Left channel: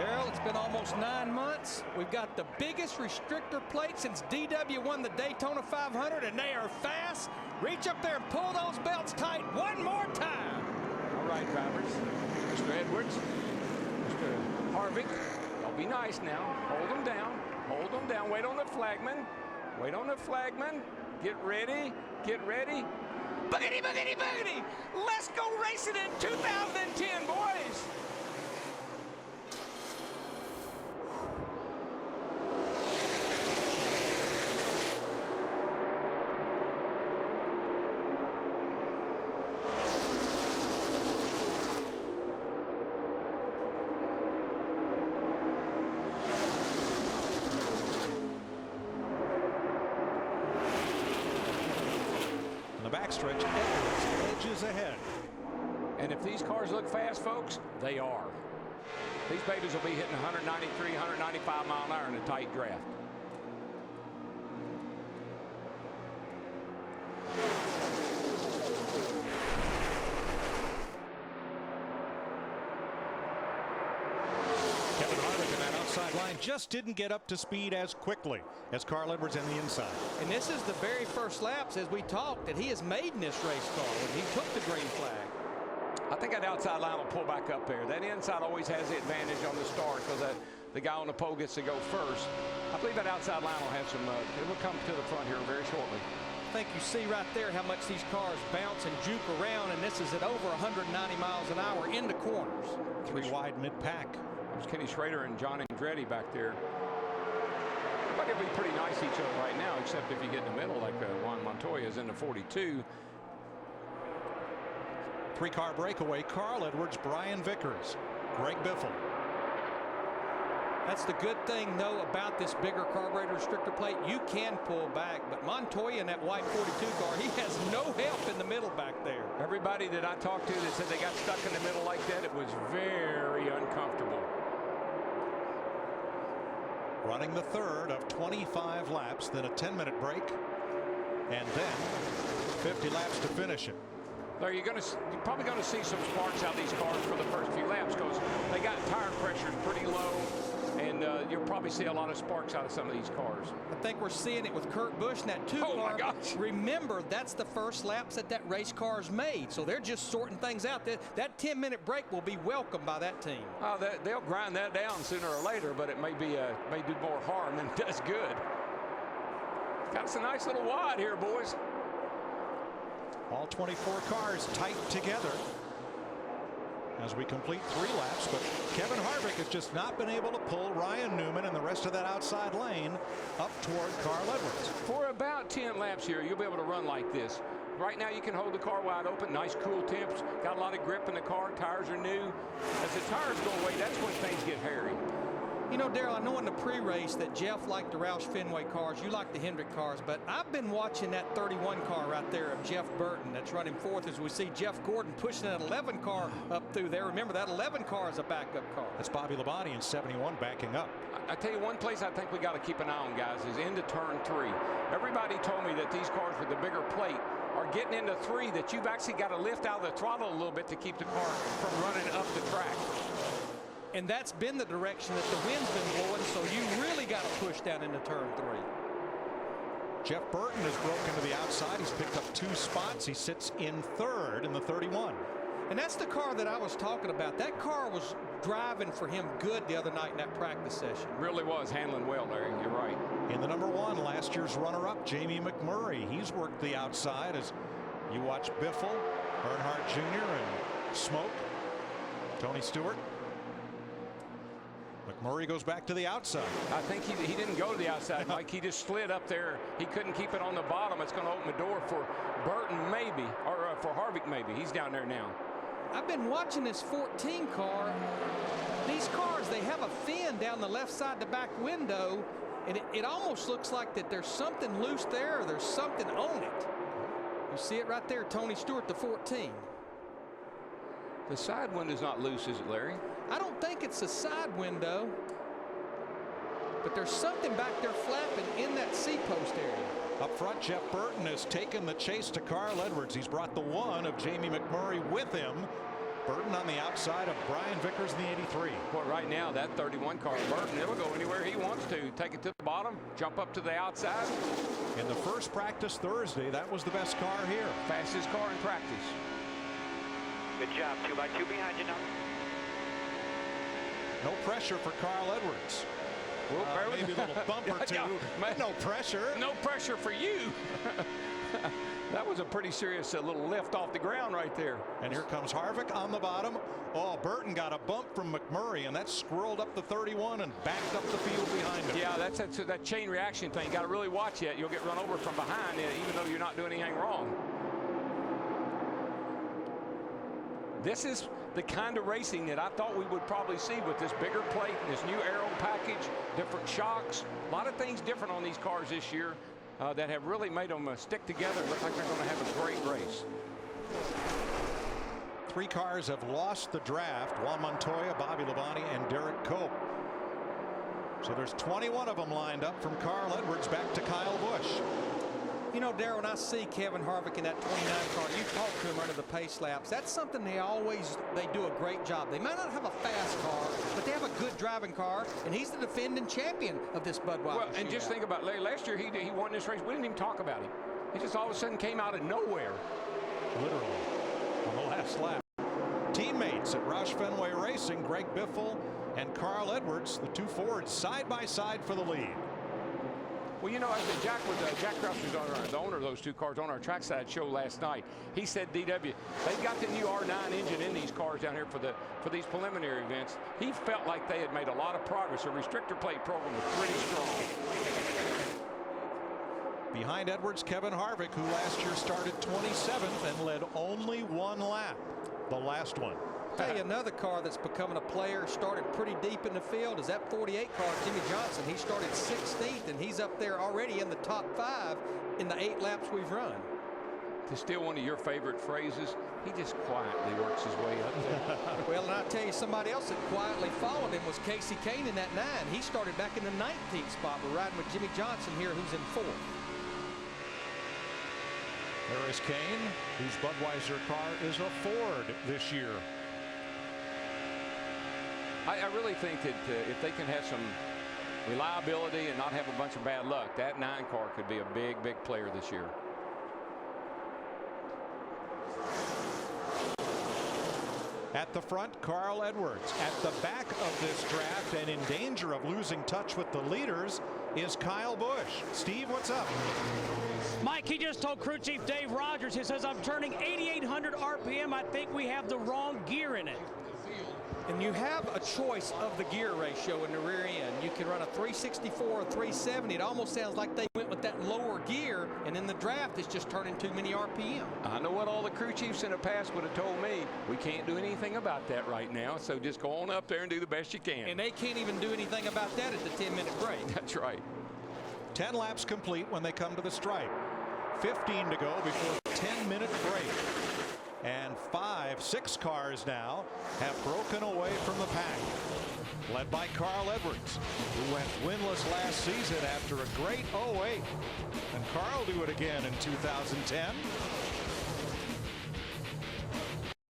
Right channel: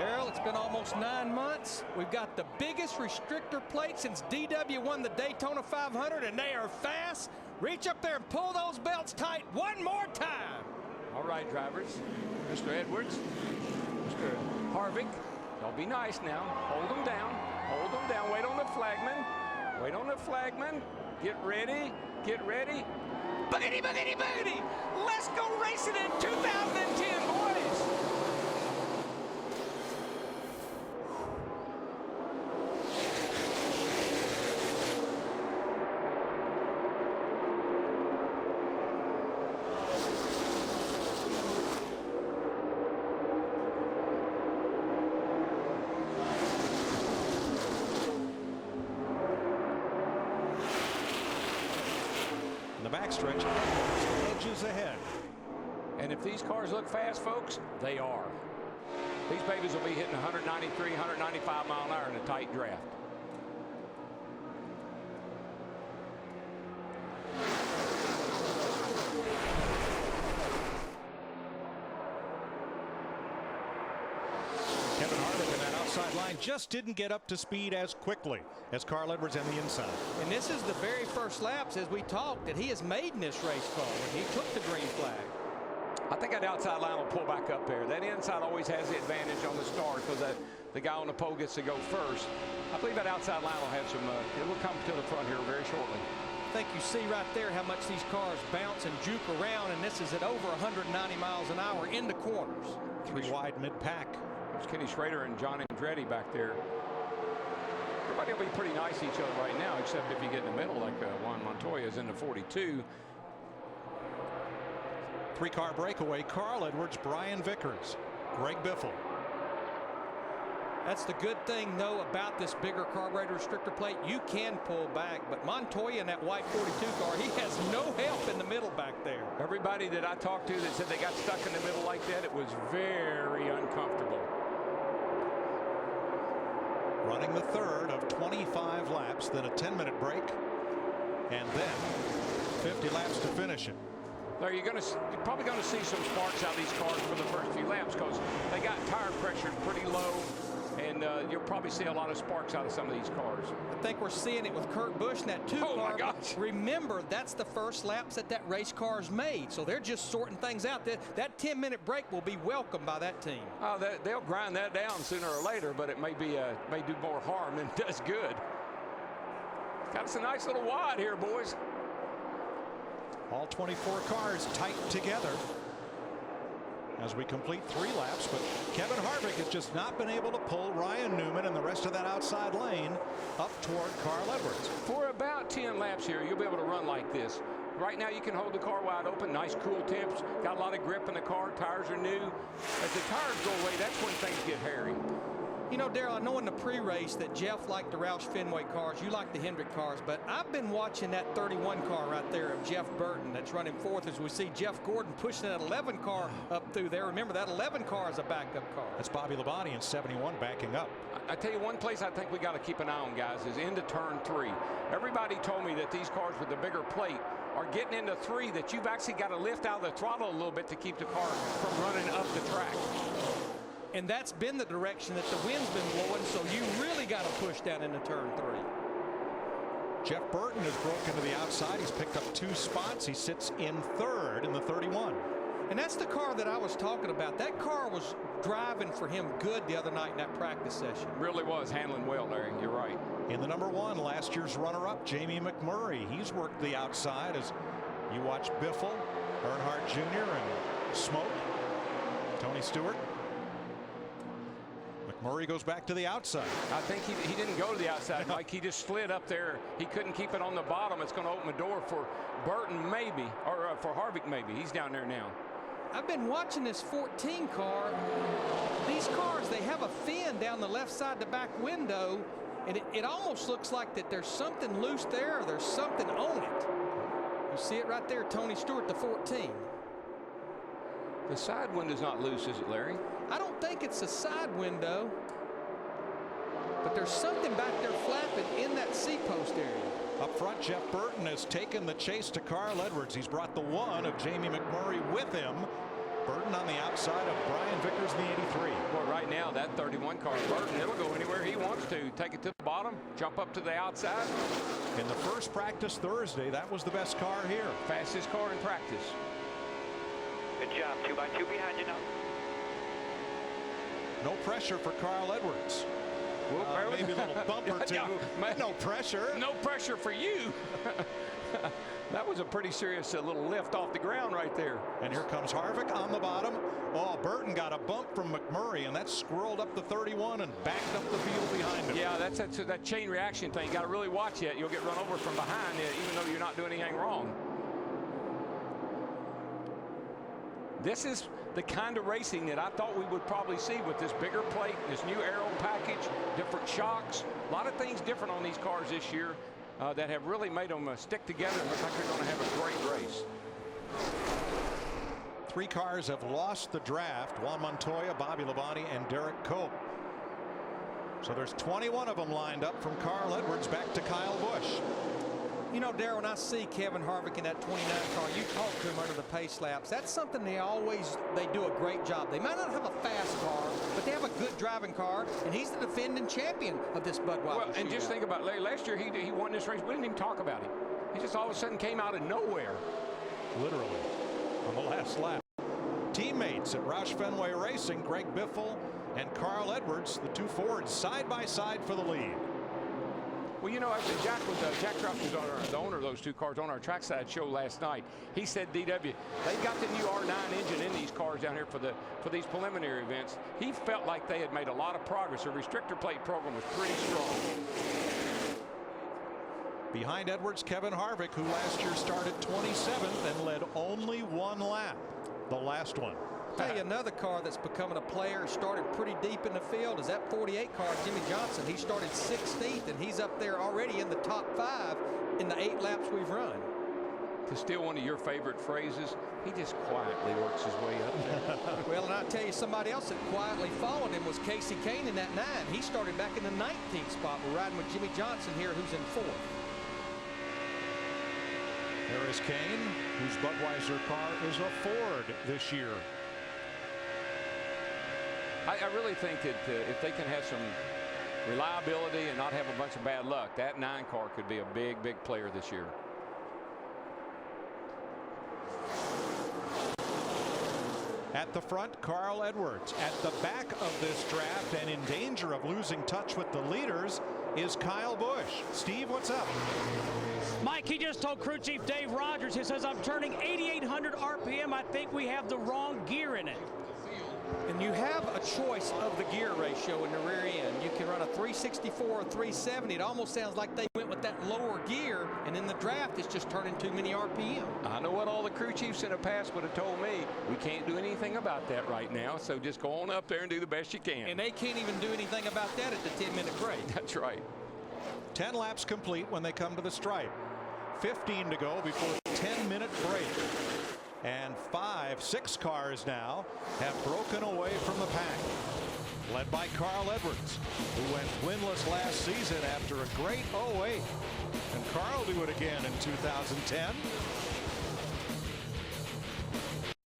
Darrell, it's been almost 9 months. We've got the biggest restrictor plate since DW won the Daytona 500, and they are fast. Reach up there and pull those belts tight one more time. All right, drivers. Mr. Edwards, Mr. Harvick, y'all be nice now. Hold them down. Hold them down. Wait on the flagman. Wait on the flagman. Get ready. Get ready. Boogity, boogity, boogity. Let's go racing in 2010, boys. In the backstretch, Edwards edges ahead. And if these cars look fast, folks, they are. These babies will be hitting 193, 195 mile an hour in a tight draft. Kevin Harvick in that outside line just didn't get up to speed as quickly as Carl Edwards in the inside. And this is the very first laps, as we talked, that he has made in this race car when he took the green flag. I think that outside line will pull back up there. That inside always has the advantage on the start because the guy on the pole gets to go first. I believe that outside line will have some, it will come to the front here very shortly. I think you see right there how much these cars bounce and juke around, and this is at over 190 miles an hour in the corners. Three wide mid-pack. That was Kenny Schrader and John Andretti back there. Everybody will be pretty nice to each other right now, except if you get in the middle like Juan Montoya is in the 42. Three-car breakaway, Carl Edwards, Brian Vickers, Greg Biffle. That's the good thing, though, about this bigger carburetor restrictor plate. You can pull back, but Montoya in that white 42 car, he has no help in the middle back there. Everybody that I talked to that said they got stuck in the middle like that, it was very uncomfortable. Running the third of 25 laps, then a 10-minute break, and then 50 laps to finish it. There, you're probably going to see some sparks out of these cars for the first few laps because they got tire pressure pretty low, and you'll probably see a lot of sparks out of some of these cars. I think we're seeing it with Kurt Busch in that 2 car. Oh my gosh. Remember, that's the first laps that race car's made, so they're just sorting things out. That 10-minute break will be welcomed by that team. Oh, they'll grind that down sooner or later, but it may do more harm than it does good. Got us a nice little wad here, boys. All 24 cars tight together as we complete 3 laps, but Kevin Harvick has just not been able to pull Ryan Newman and the rest of that outside lane up toward Carl Edwards. For about 10 laps here, you'll be able to run like this. Right now, you can hold the car wide open, nice cool temps, got a lot of grip in the car, tires are new. As the tires go away, that's when things get hairy. You know, Darrell, I know in the pre-race that Jeff liked the Roush Fenway cars, you like the Hendrick cars, but I've been watching that 31 car right there of Jeff Burton that's running fourth as we see Jeff Gordon pushing that 11 car up through there. Remember, that 11 car is a backup car. That's Bobby Labonte in 71 backing up. I tell you, one place I think we got to keep an eye on, guys, is into turn 3. Everybody told me that these cars with the bigger plate are getting into 3, that you've actually got to lift out of the throttle a little bit to keep the car from running up the track. And that's been the direction that the wind's been blowing, so you really got to push down into turn 3. Jeff Burton has broken to the outside. He's picked up 2 spots. He sits in third in the 31. And that's the car that I was talking about. That car was driving for him good the other night in that practice session. Really was handling well, Larry. You're right. In the number 1, last year's runner-up, Jamie McMurray. He's worked the outside as you watch Biffle, Earnhardt Jr., and Smoke, Tony Stewart. McMurray goes back to the outside. I think he didn't go to the outside, Mike. He just slid up there. He couldn't keep it on the bottom. It's going to open the door for Burton maybe, or for Harvick maybe. He's down there now. I've been watching this 14 car. These cars, they have a fin down the left side the back window, and it almost looks like that there's something loose there or there's something on it. You see it right there, Tony Stewart, the 14. The side window's not loose, is it, Larry? I don't think it's a side window, but there's something back there flapping in that seat post area. Up front, Jeff Burton has taken the chase to Carl Edwards. He's brought the 1 of Jamie McMurray with him. Burton on the outside of Brian Vickers in the 83. Boy, right now, that 31 car, Burton, it'll go anywhere he wants to. Take it to the bottom, jump up to the outside. In the first practice Thursday, that was the best car here. Fastest car in practice. Good job. 2x2 behind you now. No pressure for Carl Edwards. Maybe a little bump or two. Yeah, no pressure. No pressure for you. That was a pretty serious little lift off the ground right there. And here comes Harvick on the bottom. Oh, Burton got a bump from McMurray, and that squirreled up the 31 and backed up the field behind him. Yeah, that's that chain reaction thing. You got to really watch it. You'll get run over from behind, even though you're not doing anything wrong. This is the kind of racing that I thought we would probably see with this bigger plate, this new aero package, different shocks, a lot of things different on these cars this year that have really made them stick together and look like they're going to have a great race. 3 cars have lost the draft: Juan Montoya, Bobby Labonte, and Derek Cope. So there's 21 of them lined up, from Carl Edwards back to Kyle Busch. You know, Darrell, when I see Kevin Harvick in that 29 car, you talk to him under the pace laps. That's something they do a great job. They might not have a fast car, but they have a good driving car, and he's the defending champion of this Budweiser Well, and Shootout. just think about it. Last year he won this race. We didn't even talk about him. He just all of a sudden came out of nowhere. Literally on the last lap. Teammates at Roush Fenway Racing, Greg Biffle and Carl Edwards, the 2 Fords side by side for the lead. Well, you know, Jack Krause was the owner of those 2 cars on our trackside show last night. He said, DW, they've got the new R9 engine in these cars down here for these preliminary events. He felt like they had made a lot of progress. The restrictor plate program was pretty strong. Behind Edwards, Kevin Harvick, who last year started 27th and led only 1 lap, the last one. Tell you another car that's becoming a player, started pretty deep in the field, is that 48 car, Jimmy Johnson. He started 16th, and he's up there already in the top 5 in the 8 laps we've run. To steal one of your favorite phrases, he just quietly works his way up there. Well, and I'll tell you, somebody else that quietly followed him was Casey Kane in that 9. He started back in the 19th spot. We're riding with Jimmy Johnson here, who's in 4th. There is Kane, whose Budweiser car is a Ford this year. I really think that if they can have some reliability and not have a bunch of bad luck, that 9 car could be a big player this year. At the front, Carl Edwards. At the back of this draft and in danger of losing touch with the leaders is Kyle Busch. Steve, what's up? Mike, he just told crew chief Dave Rogers, he says, I'm turning 8,800 RPM. I think we have the wrong gear in it. And you have a choice of the gear ratio in the rear end. You can run a 364 or 370. It almost sounds like they went with that lower gear, and in the draft it's just turning too many RPM. I know what all the crew chiefs in the past would have told me. We can't do anything about that right now, so just go on up there and do the best you can. And they can't even do anything about that at the 10-minute break. That's right. 10 laps complete when they come to the stripe. 15 to go before the 10-minute break. And 6 cars now have broken away from the pack, led by Carl Edwards, who went winless last season after a great 08. Can Carl do it again in 2010?